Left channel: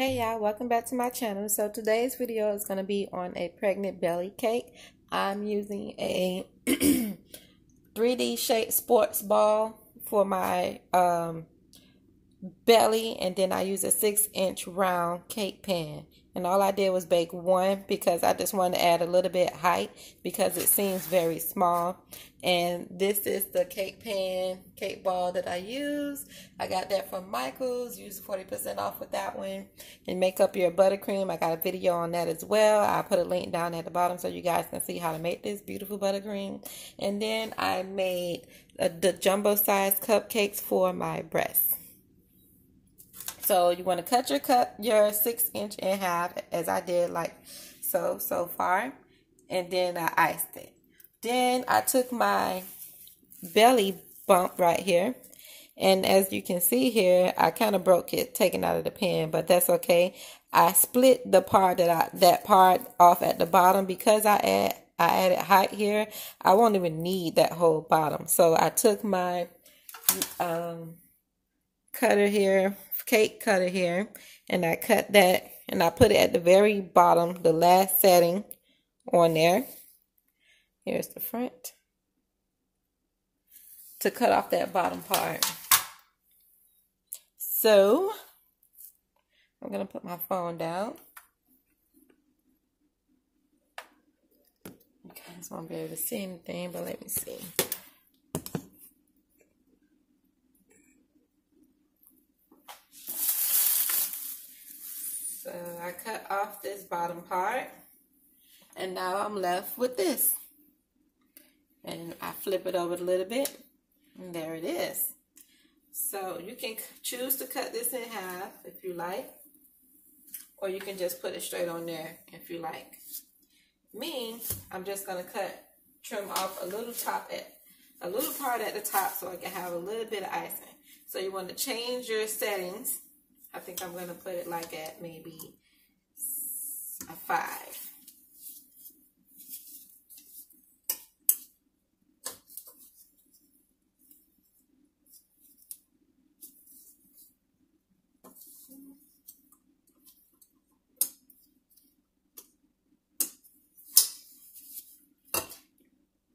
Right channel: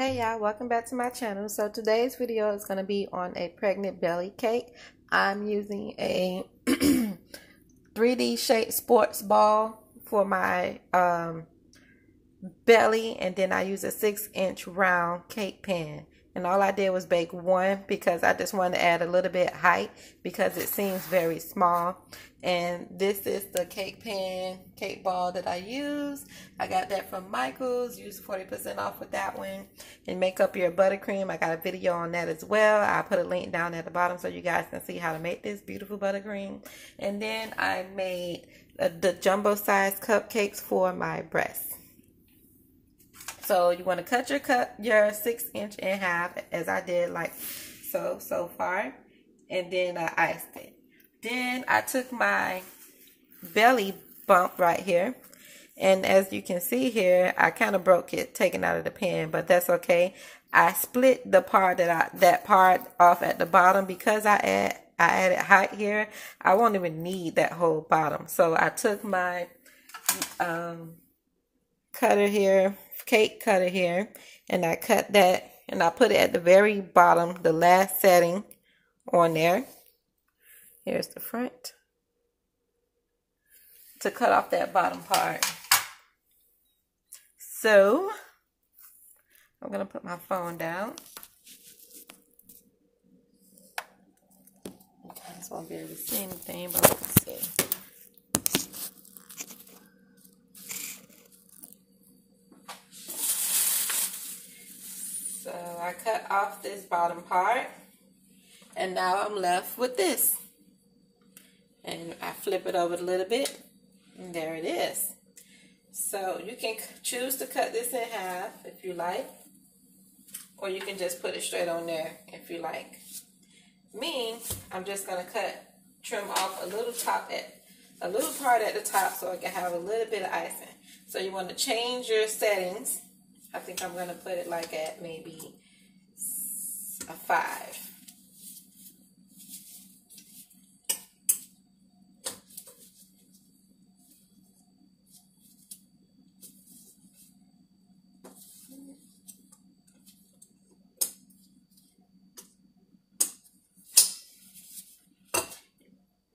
Hey y'all, welcome back to my channel. So today's video is going to be on a pregnant belly cake. I'm using a 3D shaped sports ball for my belly, and then I use a 6-inch round cake pan. And all I did was bake one because I just wanted to add a little bit of height because it seems very small. And this is the cake pan, cake ball that I use. I got that from Michael's. Use 40% off with that one. And make up your buttercream. I got a video on that as well. I'll put a link down at the bottom so you guys can see how to make this beautiful buttercream. And then I made the jumbo size cupcakes for my breasts. So you want to cut your 6-inch in half, as I did, like so far, and then I iced it. Then I took my belly bump right here, and as you can see here, I kind of broke it taking out of the pan, but that's okay. I split the part that part off at the bottom because I added height here. I won't even need that whole bottom. So I took my cutter here, cake cutter here, and I cut that, and I put it at the very bottom, the last setting on there. Here's the front to cut off that bottom part. So I'm gonna put my phone down. You guys won't be able to see anything, but let me see. So I cut off this bottom part, and now I'm left with this. And I flip it over a little bit, and there it is. So you can choose to cut this in half if you like, or you can just put it straight on there if you like. Me, I'm just gonna trim off a little part at the top so I can have a little bit of icing. So you want to change your settings. I think I'm gonna put it like at maybe a 5.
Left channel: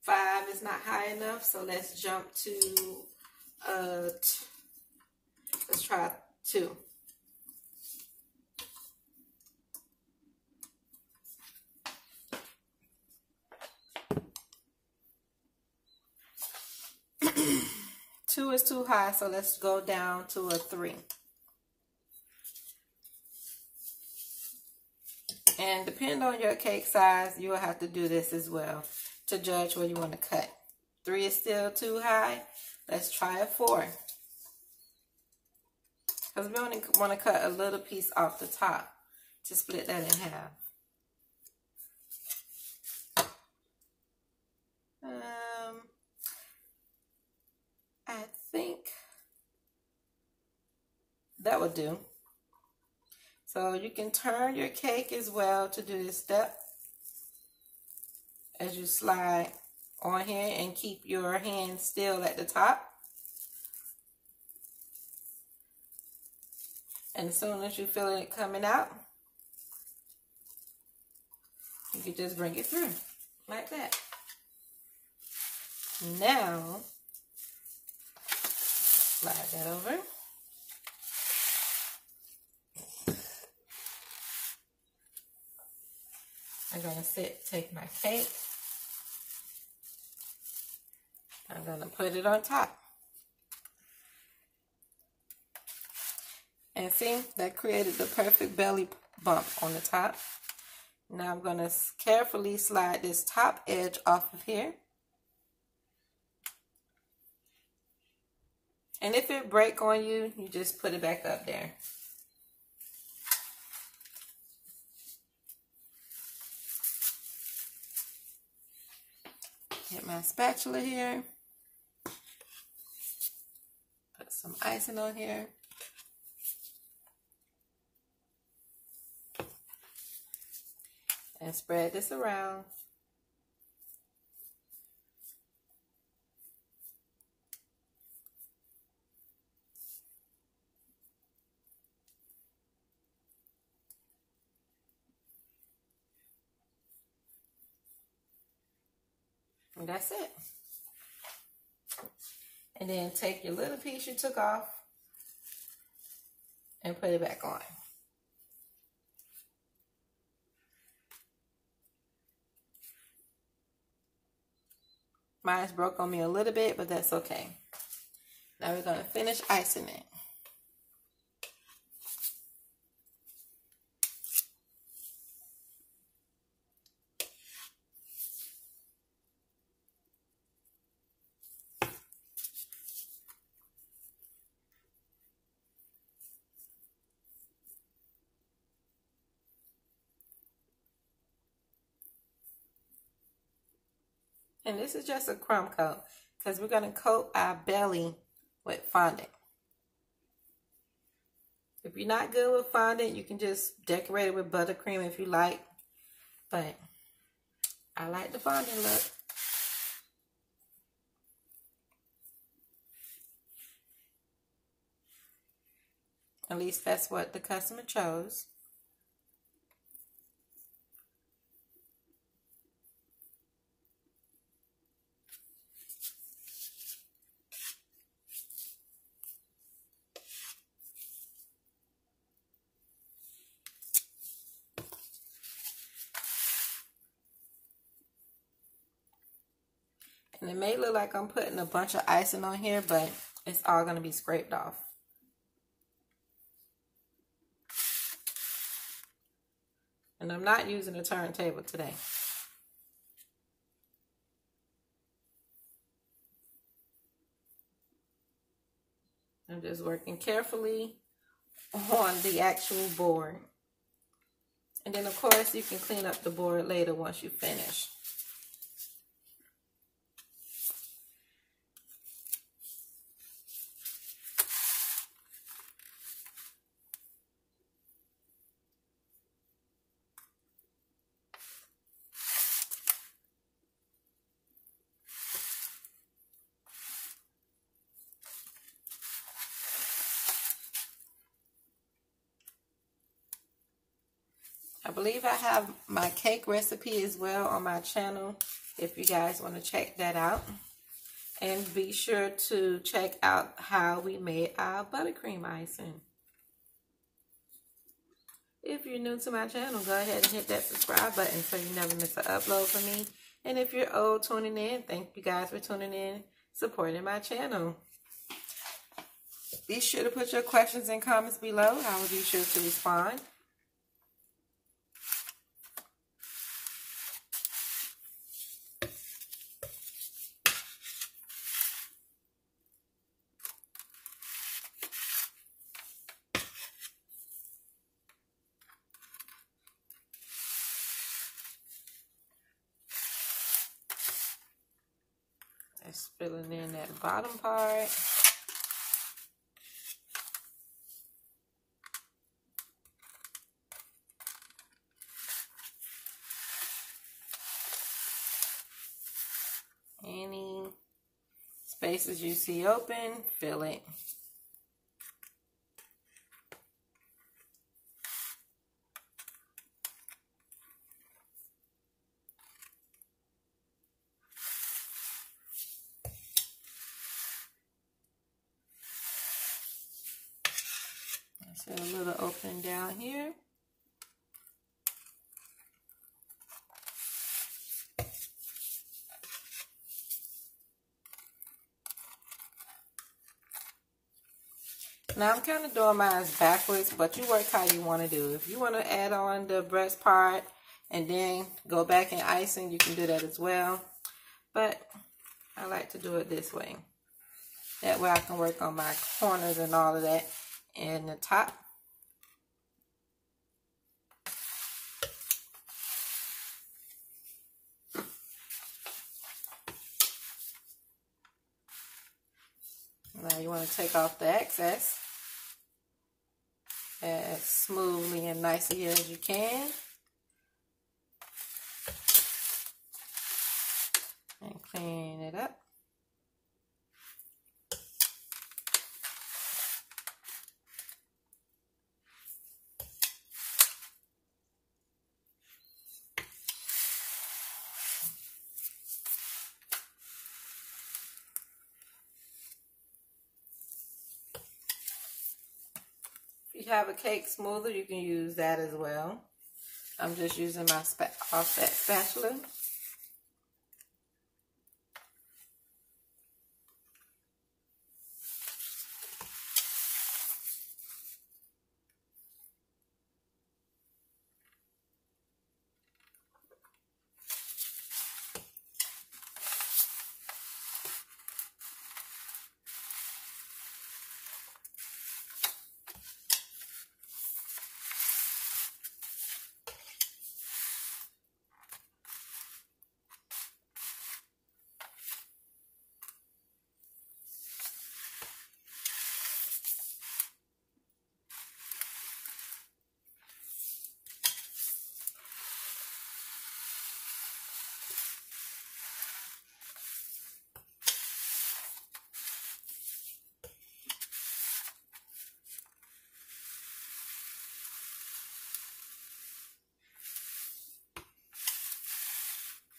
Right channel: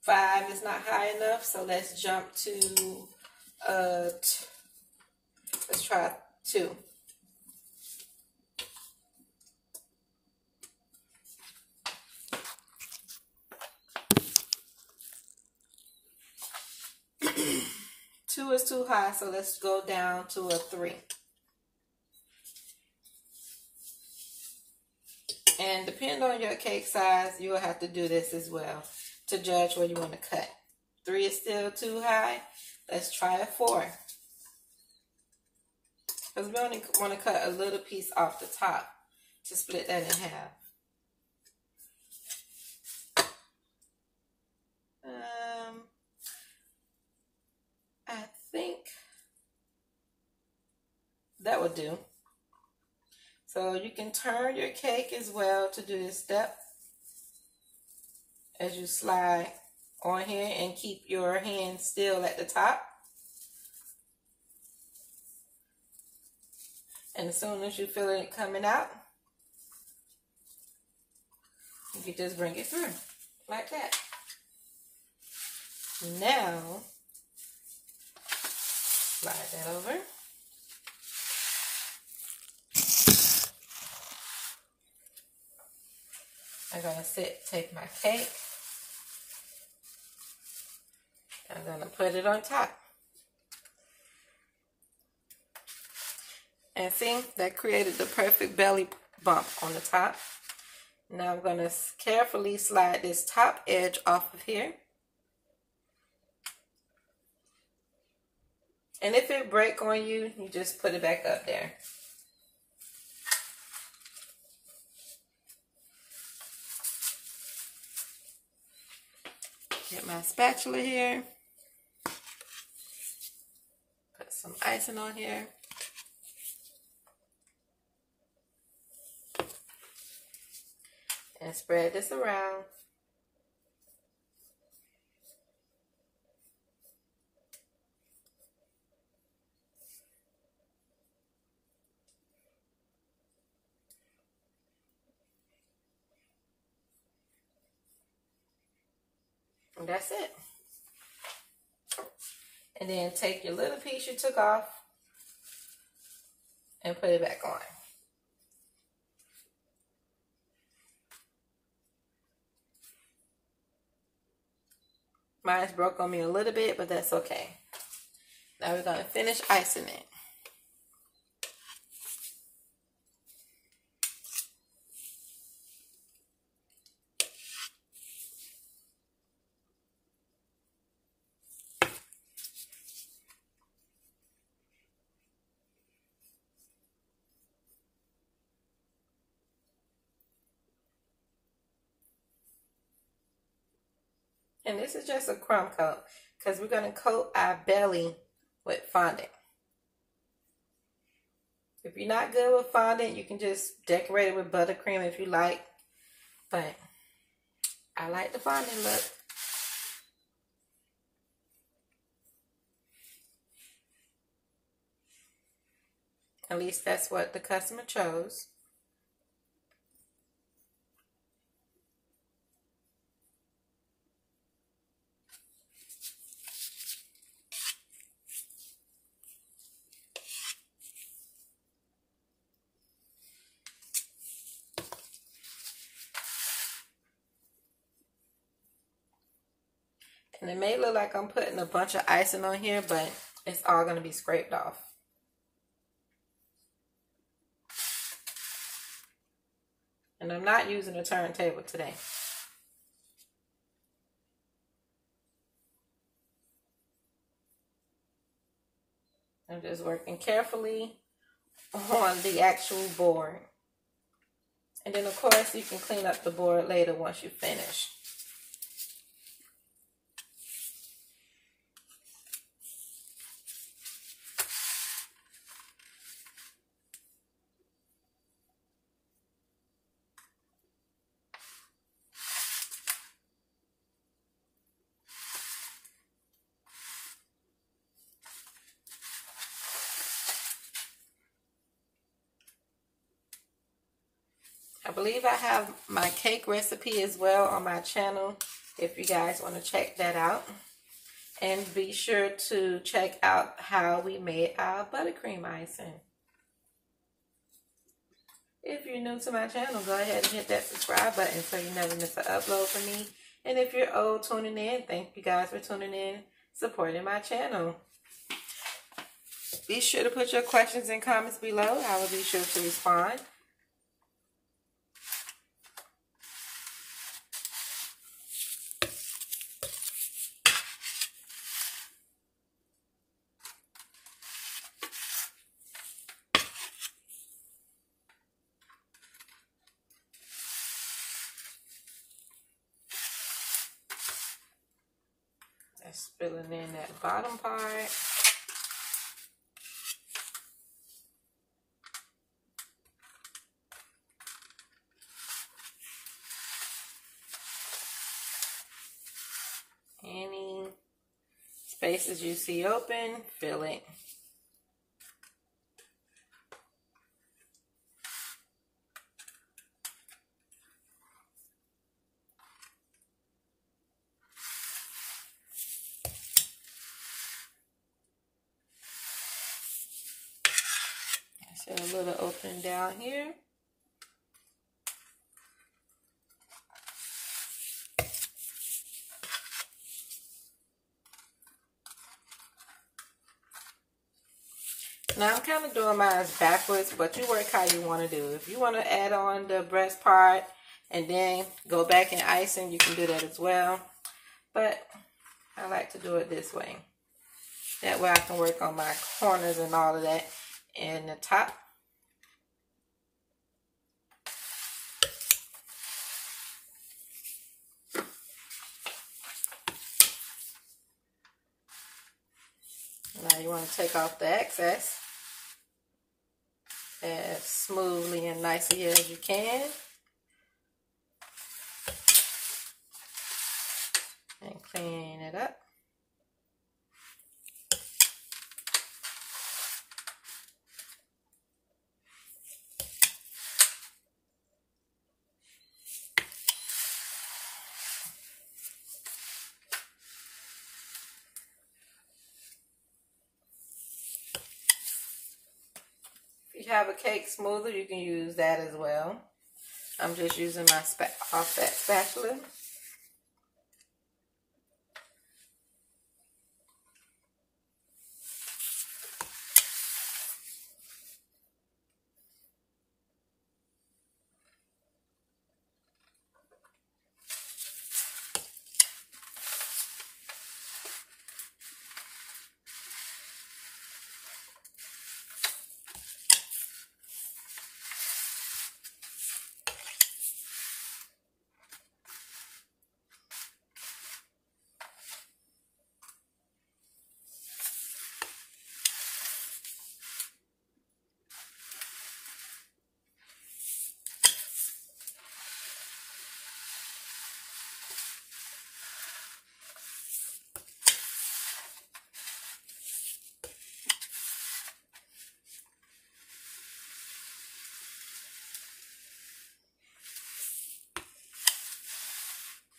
Five is not high enough, so let's jump to let's try 2. Two is too high, so let's go down to a 3. And depending on your cake size, you will have to do this as well to judge where you want to cut. 3 is still too high. Let's try a 4. Because we only want to cut a little piece off the top to split that in half. I think that would do. So you can turn your cake as well to do this step as you slide on here, and keep your hand still at the top. And as soon as you feel it coming out, you can just bring it through like that. Now, slide that over. I'm going to take my cake. I'm going to put it on top. And see, that created the perfect belly bump on the top. Now I'm going to carefully slide this top edge off of here. And if it breaks on you, you just put it back up there. Get my spatula here. Put some icing on here. And spread this around. And that's it. And then take your little piece you took off and put it back on. Mine's broke on me a little bit, but that's okay. Now we're going to finish icing it. And this is just a crumb coat because we're going to coat our belly with fondant. If you're not good with fondant, you can just decorate it with buttercream if you like. But I like the fondant look. At least that's what the customer chose. And it may look like I'm putting a bunch of icing on here, but it's all going to be scraped off. And I'm not using a turntable today. I'm just working carefully on the actual board. And then of course you can clean up the board later once you finish. I believe I have my cake recipe as well on my channel if you guys want to check that out. And be sure to check out how we made our buttercream icing. If you're new to my channel, go ahead and hit that subscribe button so you never miss an upload from me. And if you're old tuning in, thank you guys for tuning in, supporting my channel. Be sure to put your questions and comments below. I will be sure to respond. That's filling in that bottom part. Any spaces you see open, fill it. So a little opening down here. Now I'm kind of doing mine backwards, but you work how you want to do. If you want to add on the breast part and then go back and icing, you can do that as well. But I like to do it this way. That way I can work on my corners and all of that and the top. Now you want to take off the excess as smoothly and nicely as you can. And clean it up. you have a cake smoother, you can use that as well. I'm just using my offset spatula.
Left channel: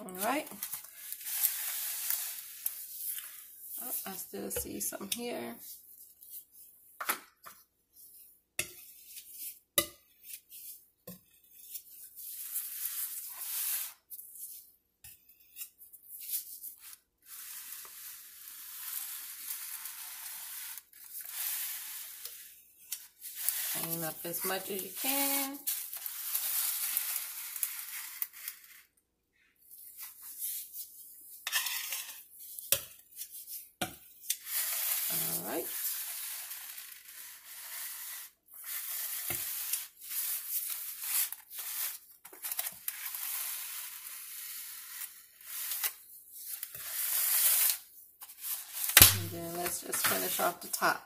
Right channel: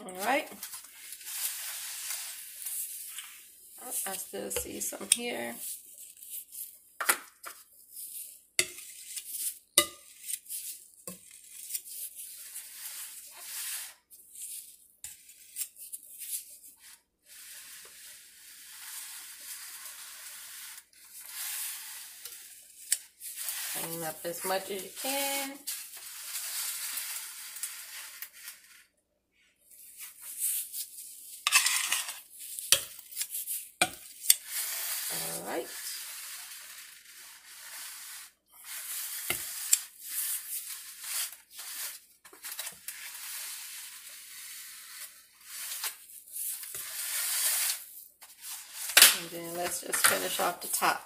All right. Oh, I still see some here. Clean up as much as you can. All right. And then let's just finish off the top.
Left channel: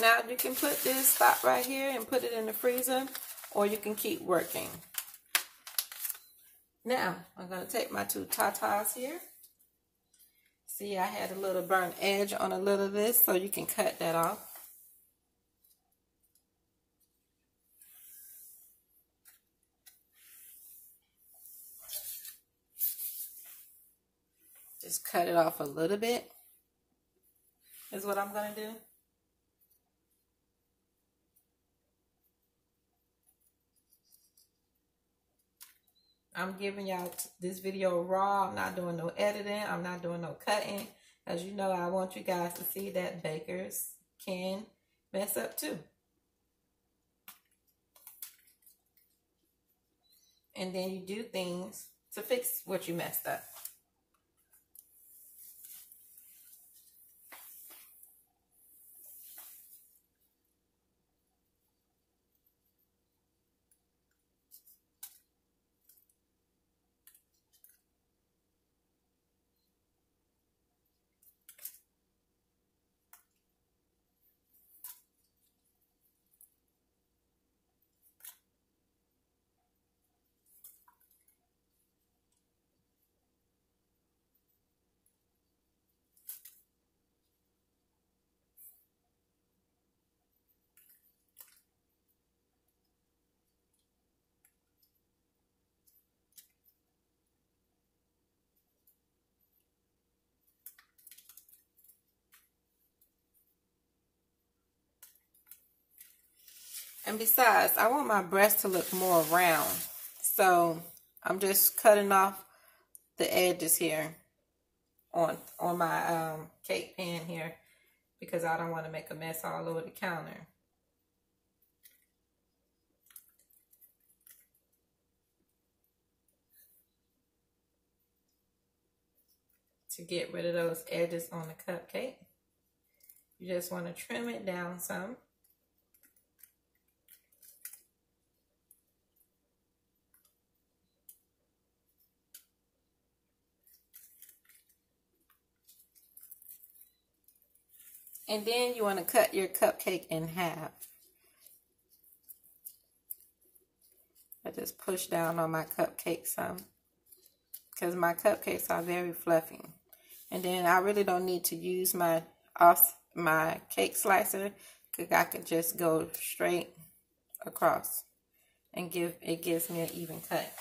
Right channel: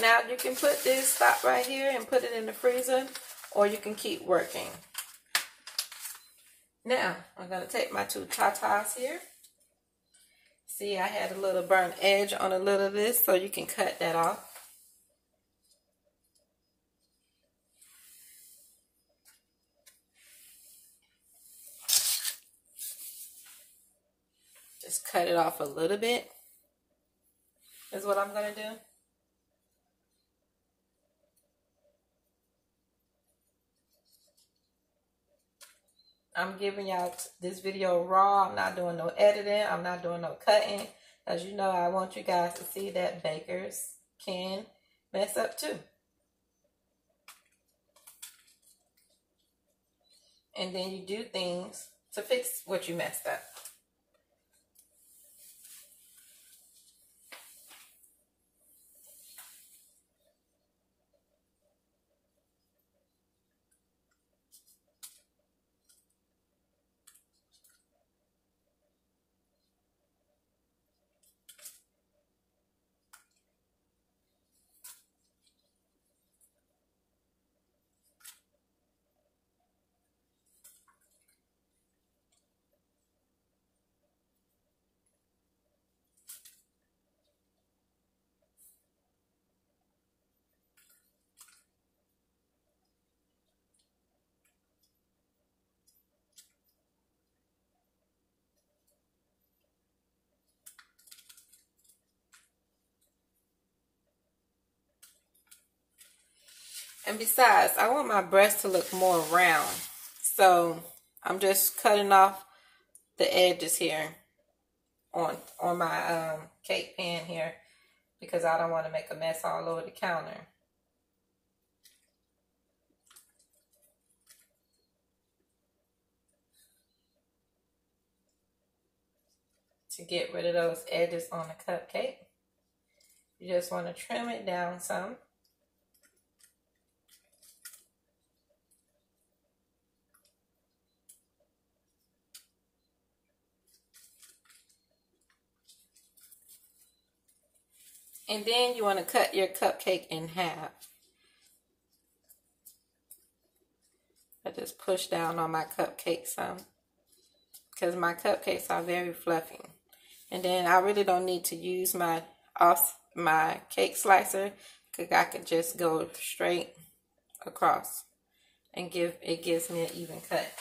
Now you can put this stop right here and put it in the freezer, or you can keep working. Now I'm going to take my two tatas here. See, I had a little burnt edge on a little of this, so you can cut that off. Just cut it off a little bit is what I'm going to do. I'm giving y'all this video raw. I'm not doing no editing. I'm not doing no cutting. As you know, I want you guys to see that bakers can mess up too. And then you do things to fix what you messed up. And besides, I want my breast to look more round. So I'm just cutting off the edges here on my cake pan here, because I don't want to make a mess all over the counter. To get rid of those edges on the cupcake. You just want to trim it down some. And then you want to cut your cupcake in half. I just push down on my cupcake some, because my cupcakes are very fluffy. And then I really don't need to use my cake slicer, because I could just go straight across and it gives me an even cut.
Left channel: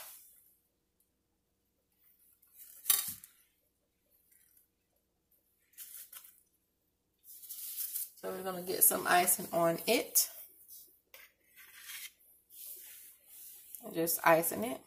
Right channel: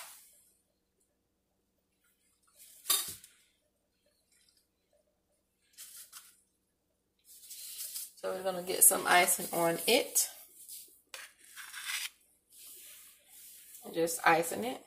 So we're going to get some icing on it. And just icing it.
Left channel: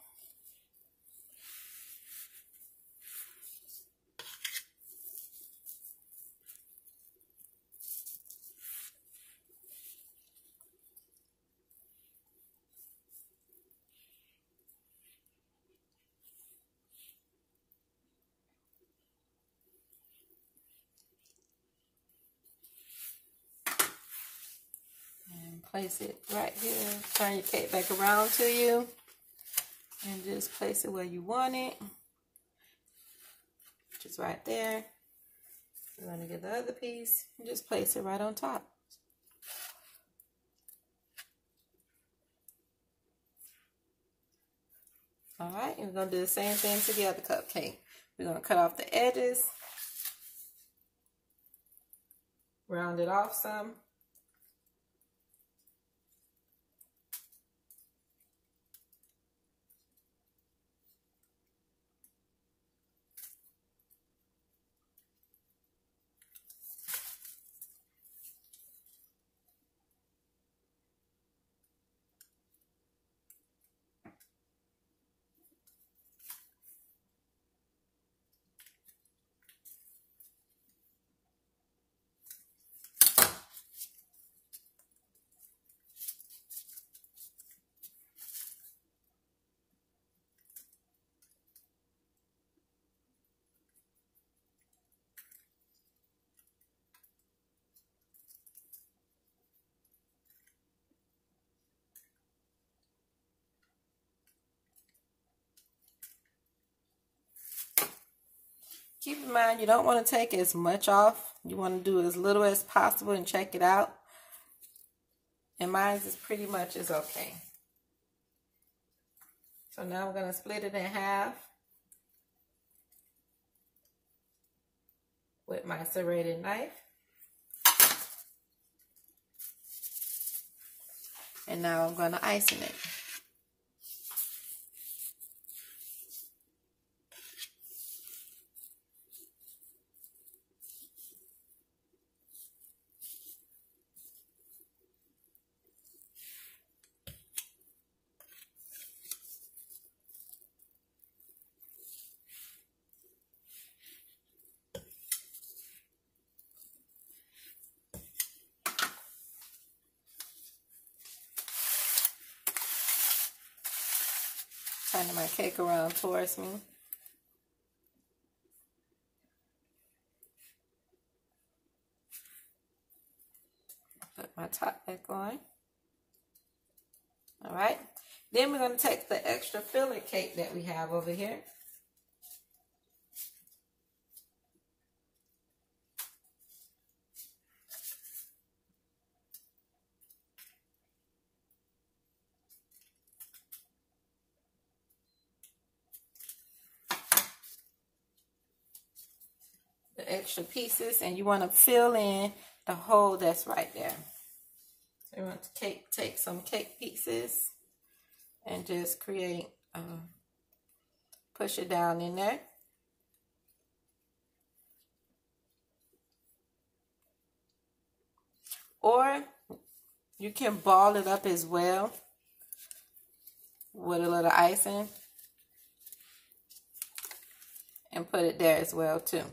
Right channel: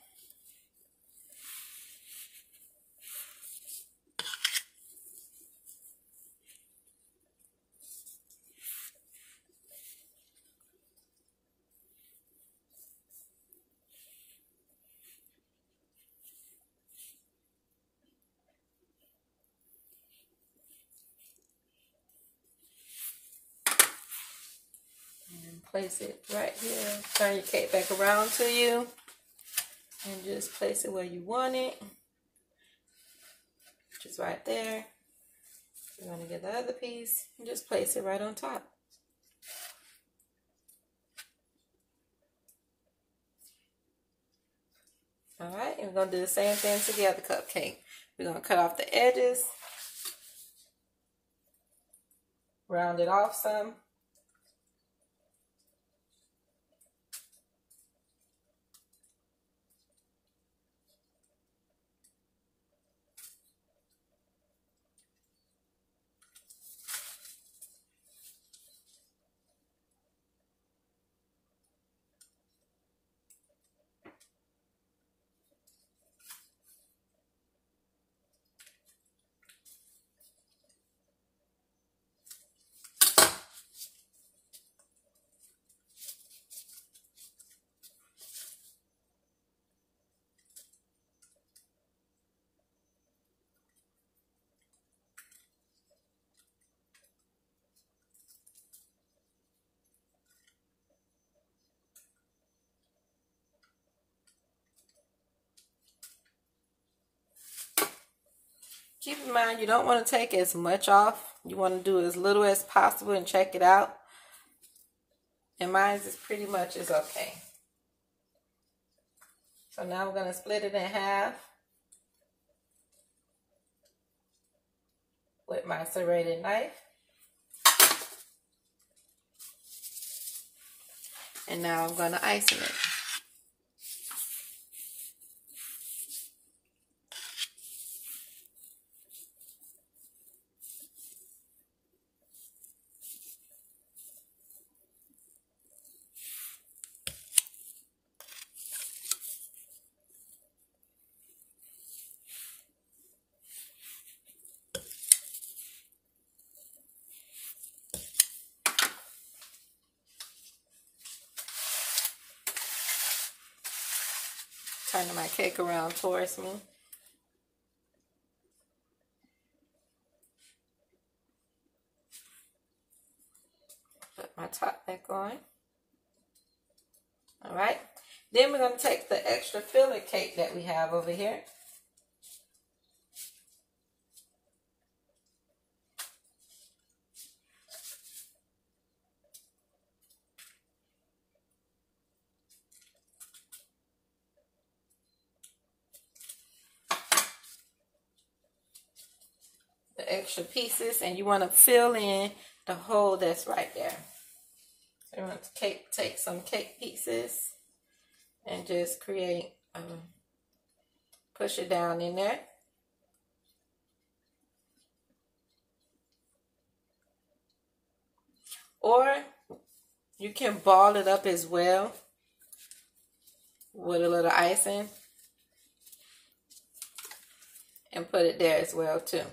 Place it right here. Turn your cake back around to you. And just place it where you want it. Which is right there. You want to get the other piece. And just place it right on top. Alright, and we're going to do the same thing to the other cupcake. We're going to cut off the edges. Round it off some. Keep in mind, you don't want to take as much off. You want to do as little as possible and check it out. And mine is pretty much is okay. So now we're going to split it in half with my serrated knife. And now I'm going to ice it. Turning my cake around towards me. Put my top back on. All right. Then we're going to take the extra filler cake that we have over here. Extra pieces, and you want to fill in the hole that's right there. So you want to take some cake pieces and just create, push it down in there. Or you can ball it up as well with a little icing and put it there as well too.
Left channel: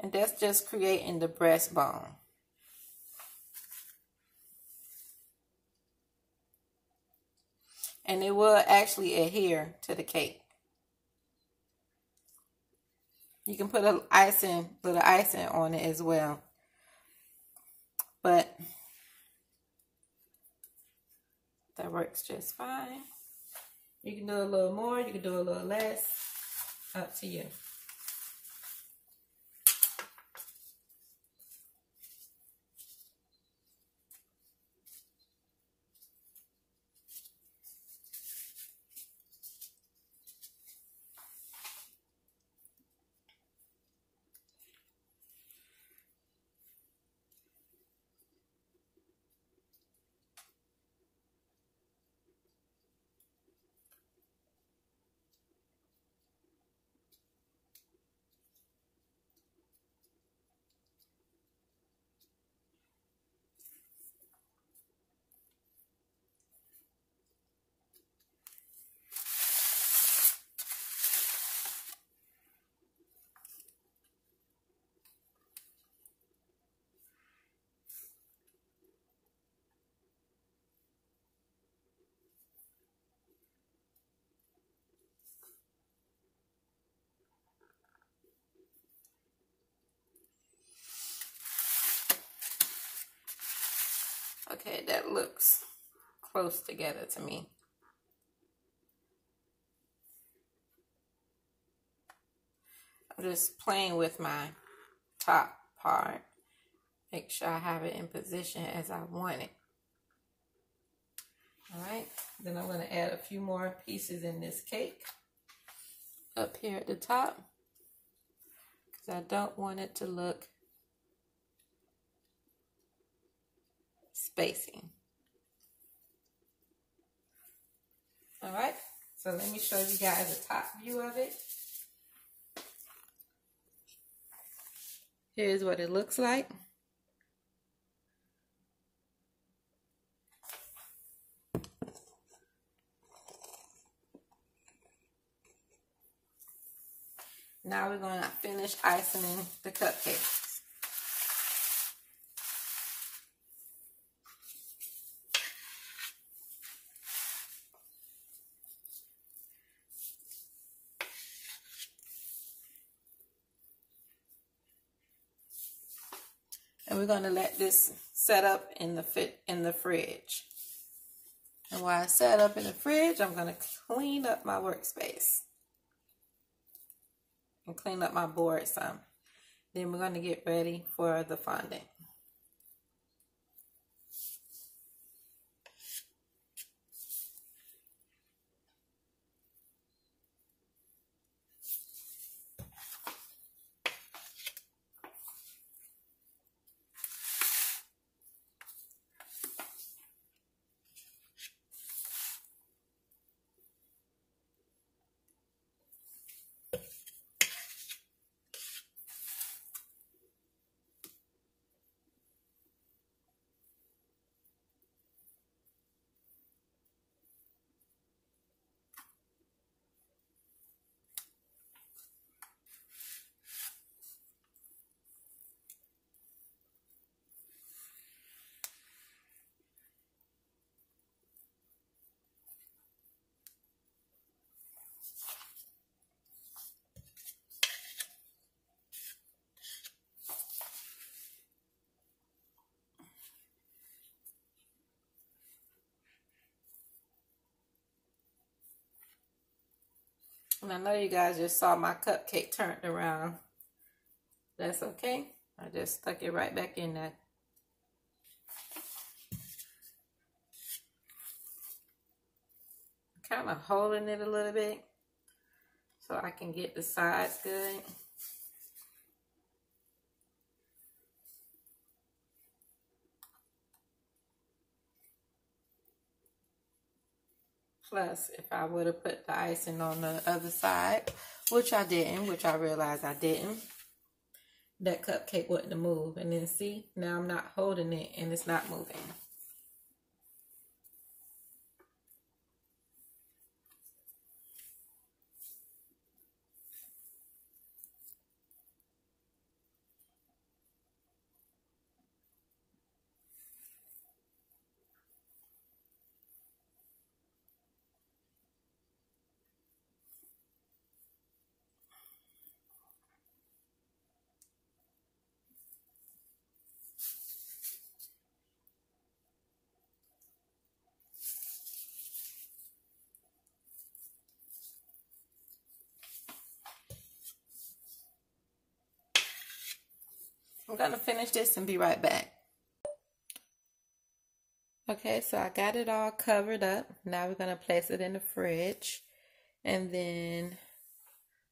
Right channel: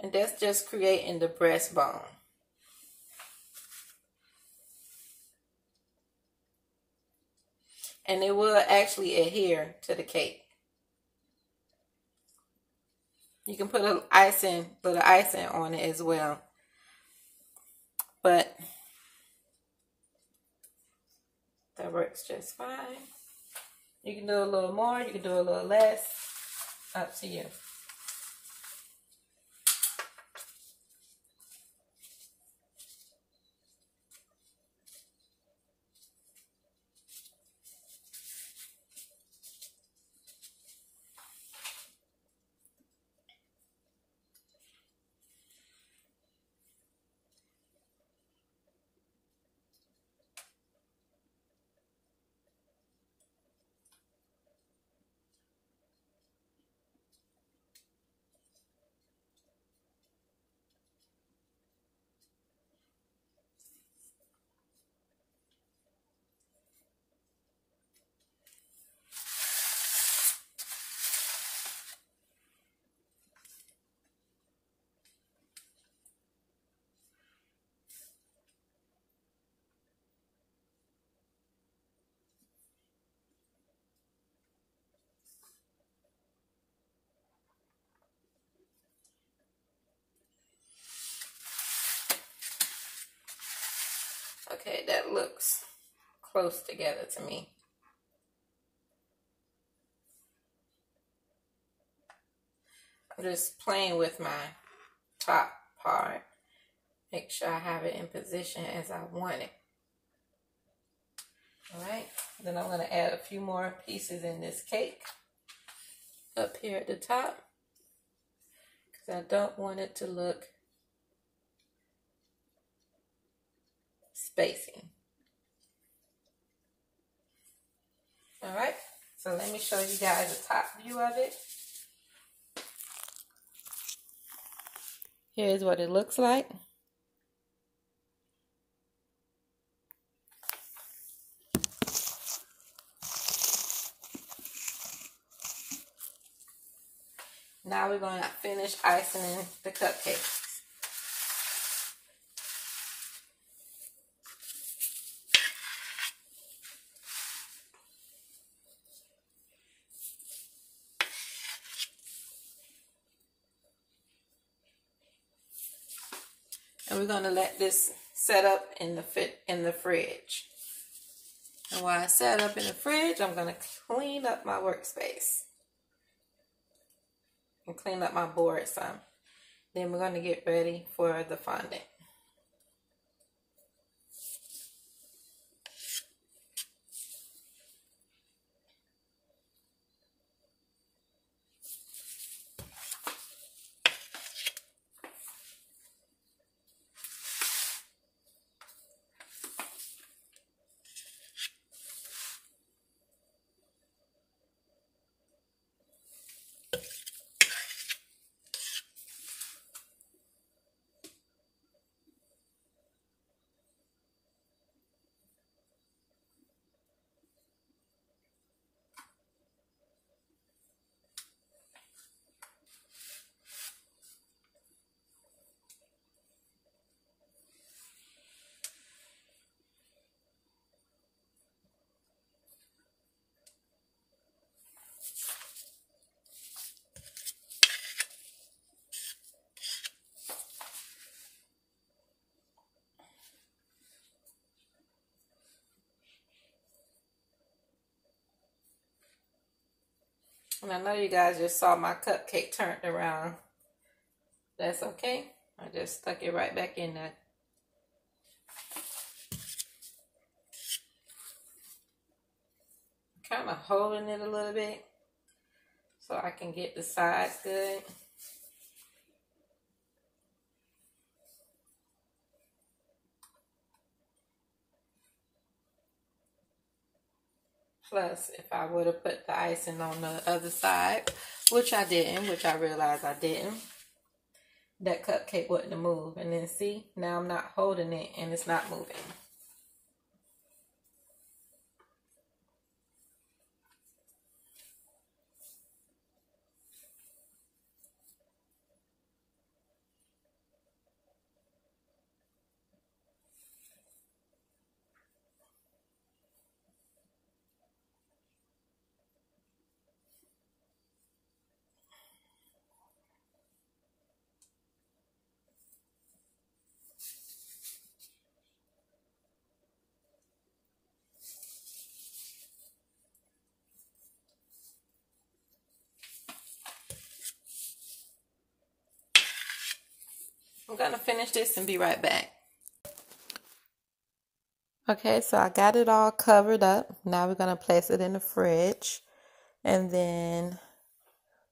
And that's just creating the breastbone. And it will actually adhere to the cake. You can put a little icing on it as well. but that works just fine. You can do a little more, you can do a little less, up to you. Okay, that looks close together to me. I'm just playing with my top part. Make sure I have it in position as I want it. All right, then I'm going to add a few more pieces in this cake up here at the top because I don't want it to look spacing. All right, so let me show you guys a top view of it. Here's what it looks like. Now we're going to finish icing the cupcakes. And we're going to let this set up in the fridge. And while it's set up in the fridge, I'm going to clean up my workspace. And clean up my board some. Then we're going to get ready for the fondant. And I know you guys just saw my cupcake turned around. That's okay. I just stuck it right back in there. Kind of holding it a little bit so I can get the sides good. Plus, if I would have put the icing on the other side, which I didn't, which I realized I didn't, that cupcake wouldn't have moved. And then see, now I'm not holding it and it's not moving. I'm going to finish this and be right back. Okay, so I got it all covered up. Now we're going to place it in the fridge, and then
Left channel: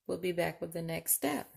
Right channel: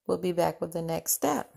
we'll be back with the next step.